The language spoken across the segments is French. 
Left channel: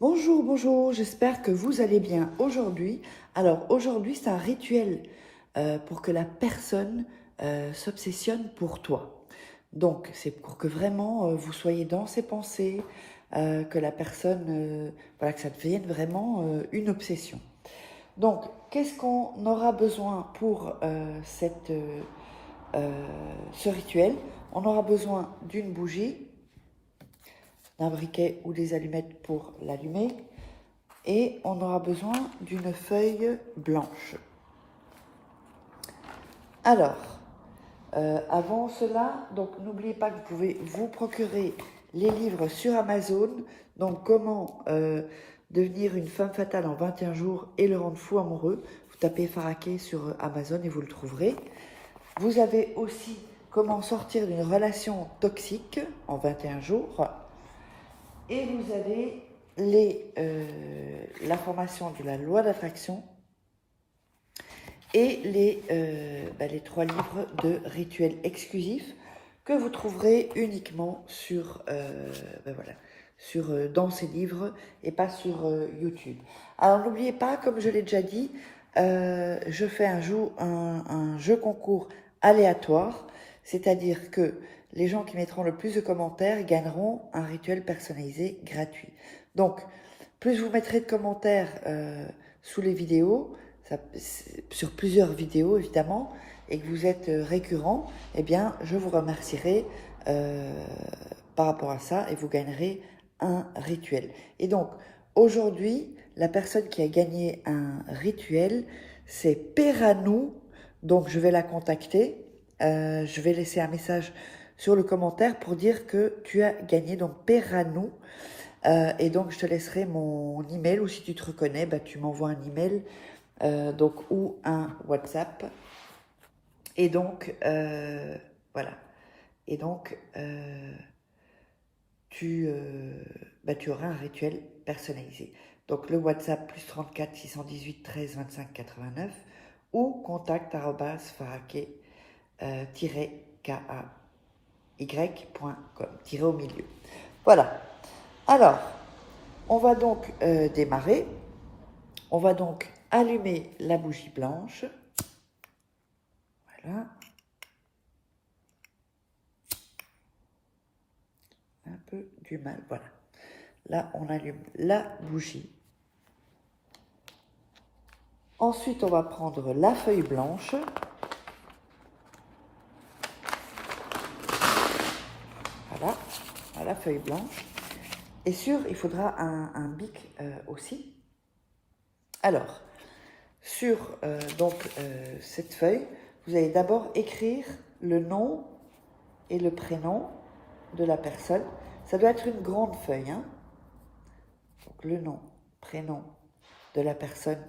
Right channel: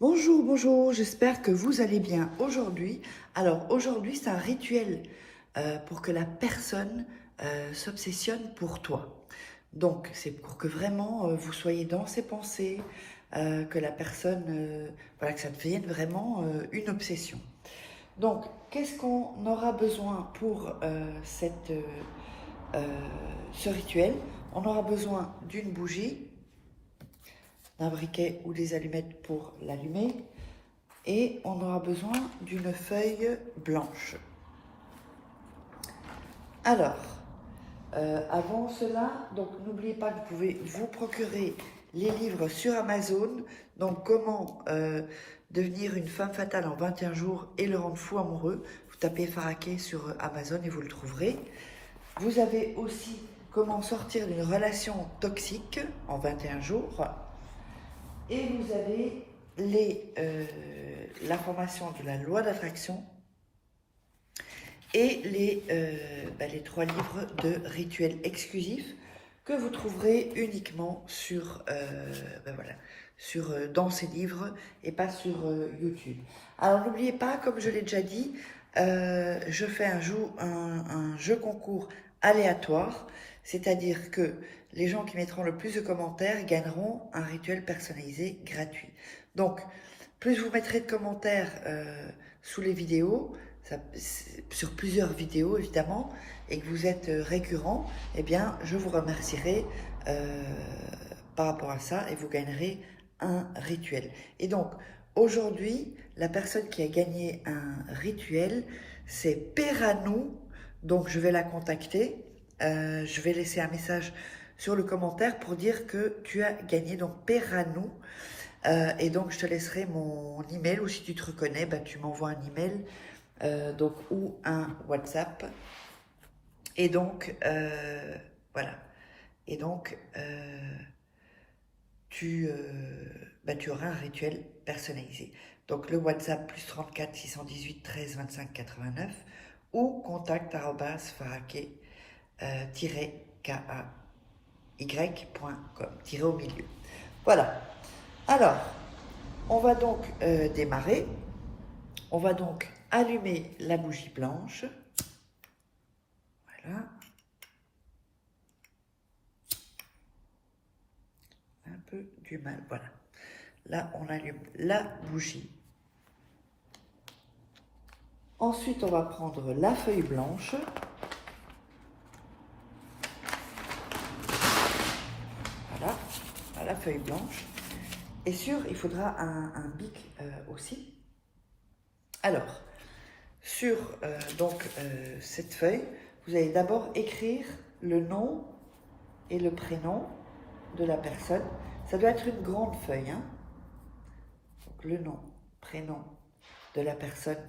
Bonjour, bonjour, j'espère que vous allez bien aujourd'hui. Alors aujourd'hui, c'est un rituel pour que la personne s'obsessionne pour toi. Donc c'est pour que vraiment vous soyez dans ses pensées, que la personne, voilà, que ça devienne vraiment une obsession. Donc qu'est-ce qu'on aura besoin pour euh, ce rituel? On aura besoin d'une bougie, d'un briquet ou des allumettes pour l'allumer. Et on aura besoin d'une feuille blanche. Alors, avant cela, donc n'oubliez pas que vous pouvez vous procurer les livres sur Amazon. Donc, comment devenir une femme fatale en 21 jours et le rendre fou amoureux. Vous tapez Faraké sur Amazon et vous le trouverez. Vous avez aussi comment sortir d'une relation toxique en 21 jours. Et vous avez l'information de la loi d'attraction et les 3 livres de rituels exclusifs que vous trouverez uniquement dans ces livres et pas sur YouTube. Alors n'oubliez pas, comme je l'ai déjà dit, je fais un jeu concours aléatoire, c'est-à-dire que les gens qui mettront le plus de commentaires gagneront un rituel personnalisé gratuit. Donc, plus vous mettrez de commentaires sous les vidéos, sur plusieurs vidéos évidemment, et que vous êtes récurrent, eh bien, je vous remercierai par rapport à ça et vous gagnerez un rituel. Et donc, aujourd'hui, la personne qui a gagné un rituel, c'est Peranou. Donc, je vais la contacter. Je vais laisser un message sur le commentaire pour dire que tu as gagné. Donc, Peranou. Et donc, je te laisserai mon email, ou si tu te reconnais, bah, tu m'envoies un email ou un WhatsApp. Et donc, voilà. Et donc, tu auras un rituel personnalisé. Donc, le WhatsApp plus 34 618 13 25 89 ou contact @faraké-kay.com, tiré au milieu. Voilà. Alors, on va donc démarrer. On va donc allumer la bougie blanche. Voilà. Un peu du mal. Voilà. Là, on allume la bougie. Ensuite, on va prendre la feuille blanche. Voilà, la feuille blanche. Et il faudra un bic aussi. Alors, sur cette feuille, vous allez d'abord écrire le nom et le prénom de la personne. Ça doit être une grande feuille, hein. Donc, le nom, prénom de la personne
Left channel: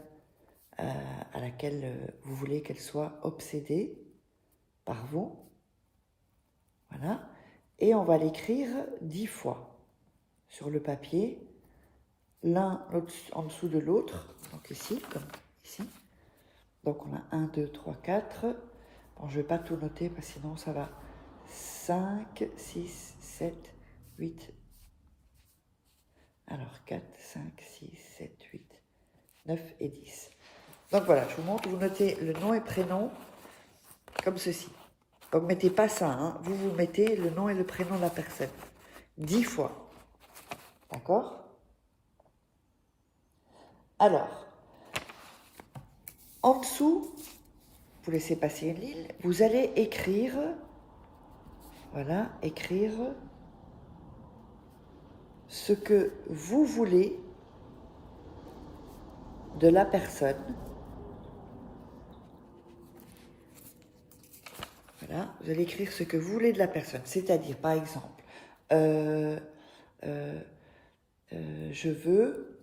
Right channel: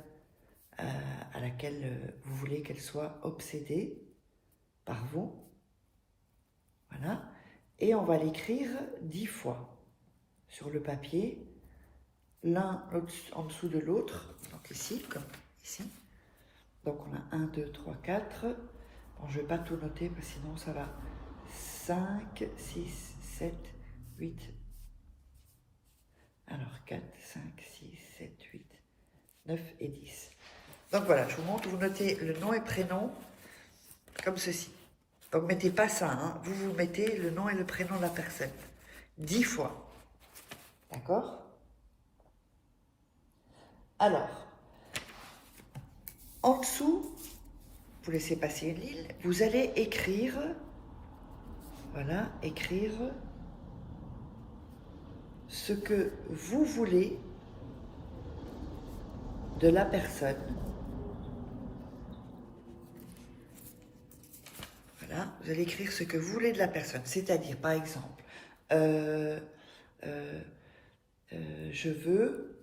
à laquelle vous voulez qu'elle soit obsédée par vous. Voilà. Et on va l'écrire 10 fois sur le papier, l'un en dessous de l'autre, donc ici, comme ici. Donc on a 1, 2, 3, 4. Bon, je ne vais pas tout noter parce que sinon ça va. 5, 6, 7, 8. Alors 4, 5, 6, 7, 8, 9 et 10. Donc voilà, je vous montre, vous notez le nom et prénom comme ceci. Donc mettez pas ça, hein. Vous mettez le nom et le prénom de la personne. 10 fois. D'accord? Alors, en dessous, vous laissez passer une ligne, vous allez écrire, voilà, écrire ce que vous voulez de la personne. Voilà, vous allez écrire ce que vous voulez de la personne, c'est-à-dire, par exemple, je veux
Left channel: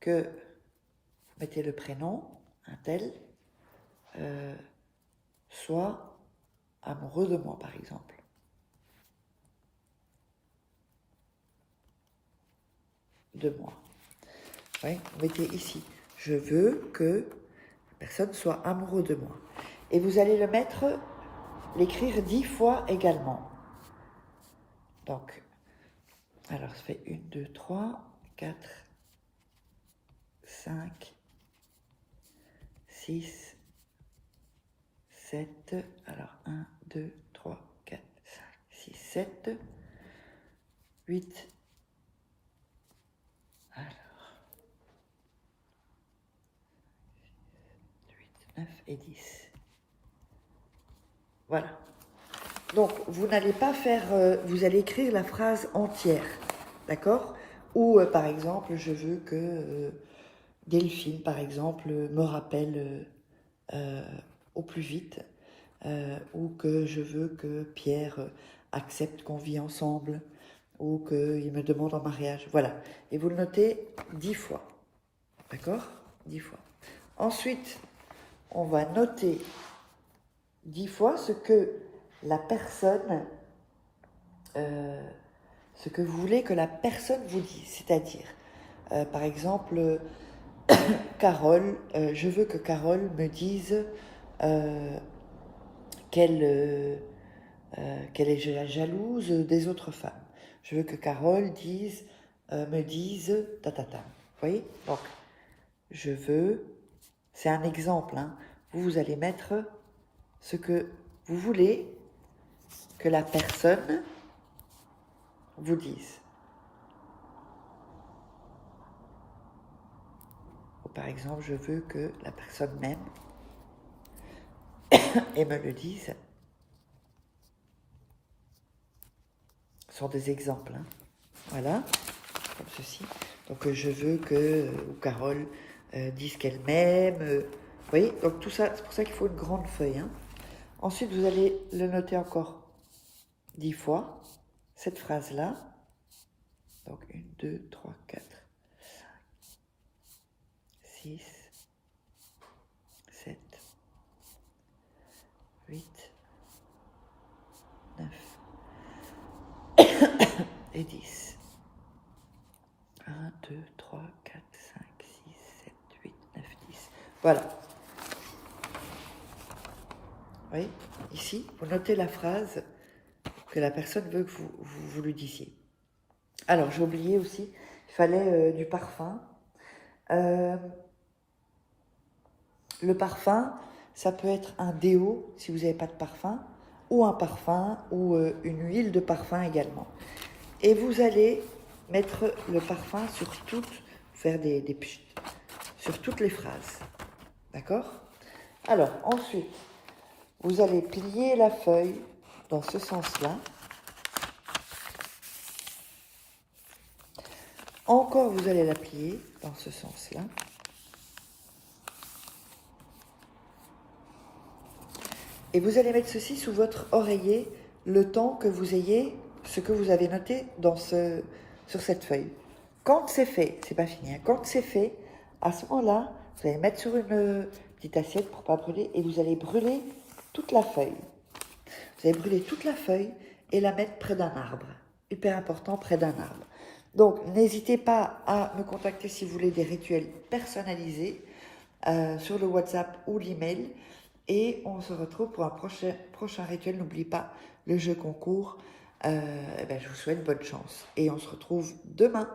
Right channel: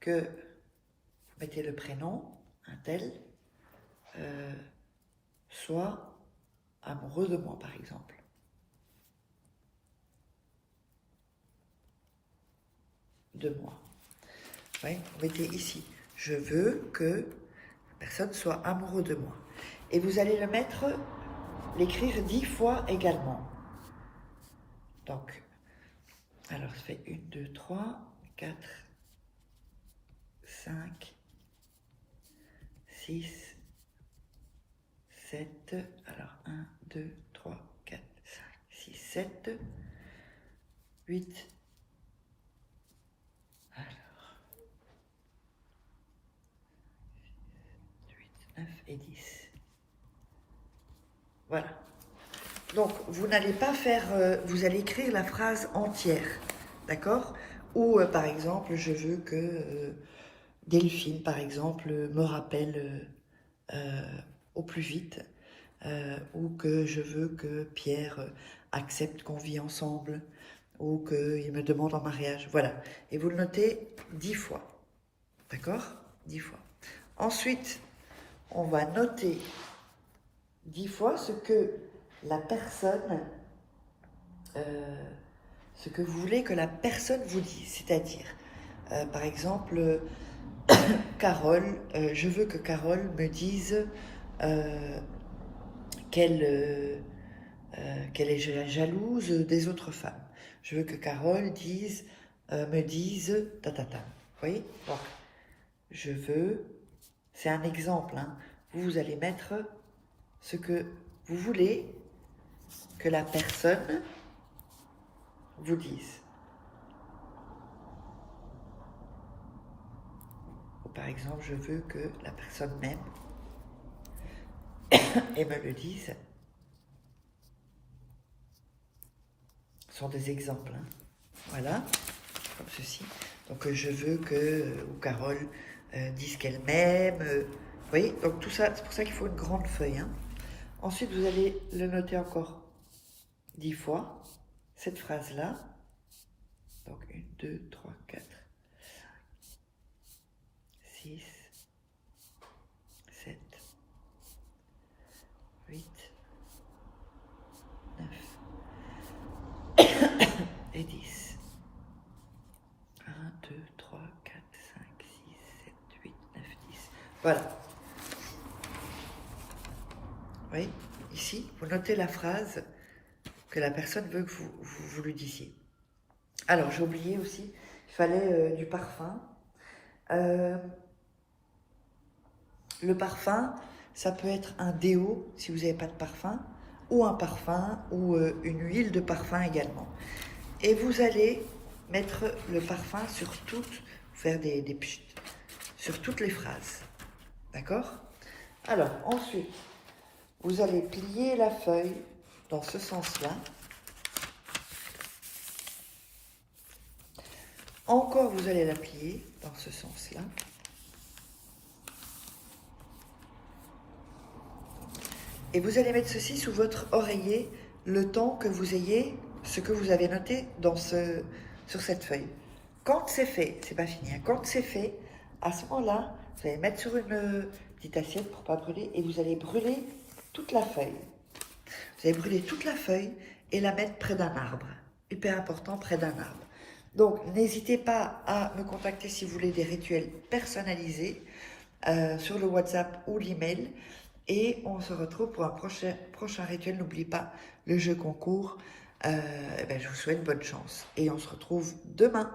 que, vous mettez le prénom, un tel, soit amoureux de moi, par exemple. De moi. Oui, vous mettez ici, je veux que la personne soit amoureuse de moi. Et vous allez l'écrire 10 fois également. Donc, alors ça fait 1, 2, 3, 4, 5, 6, 7, alors 1, 2, 3, 4, 5, 6, 7, 8, alors 8, 9 et 10. Voilà. Donc, vous n'allez pas faire, vous allez écrire la phrase entière, d'accord? Ou, par exemple, je veux que Delphine, par exemple, me rappelle au plus vite, ou que je veux que Pierre accepte qu'on vit ensemble, ou qu'il me demande en mariage, voilà. Et vous le notez 10 fois, d'accord? 10 fois. Ensuite, on va noter 10 fois ce que la personne, ce que vous voulez que la personne vous dise. C'est-à-dire, par exemple, Carole, je veux que Carole me dise qu'elle est jalouse des autres femmes. Je veux que Carole me dise ta ta ta. Vous voyez? Donc, je veux, c'est un exemple, hein. Vous allez mettre ce que vous voulez que la personne vous dise. Ou par exemple, je veux que la personne m'aime et me le dise. Ce sont des exemples, hein. Voilà, comme ceci. Donc je veux que Carole dise qu'elle m'aime. Vous voyez, donc tout ça, c'est pour ça qu'il faut une grande feuille, hein. Ensuite, vous allez le noter encore 10 fois, cette phrase-là. Donc 1, 2, 3, 4, 5, 6, 7, 8, 9 et 10. 1, 2, 3, 4, 5, 6, 7, 8, 9, 10. Voilà. Vous voyez, ici, vous notez la phrase que la personne veut que vous lui disiez. Alors, j'ai oublié aussi, il fallait du parfum. Le parfum, ça peut être un déo, si vous n'avez pas de parfum, ou un parfum, ou une huile de parfum également. Et vous allez mettre le parfum sur toutes, faire des pchit, sur toutes les phrases. D'accord? Alors, ensuite, vous allez plier la feuille dans ce sens-là. Encore, vous allez la plier dans ce sens-là. Et vous allez mettre ceci sous votre oreiller le temps que vous ayez ce que vous avez noté sur cette feuille. Quand c'est fait, c'est pas fini, hein. Quand c'est fait, à ce moment-là, vous allez mettre sur une petite assiette pour ne pas brûler et vous allez brûler toute la feuille. Vous allez brûler toute la feuille et la mettre près d'un arbre. Hyper important, près d'un arbre. Donc, n'hésitez pas à me contacter si vous voulez des rituels personnalisés sur le WhatsApp ou l'email. Et on se retrouve pour un prochain rituel. N'oubliez pas le jeu concours. Je vous souhaite bonne chance. Et on se retrouve demain.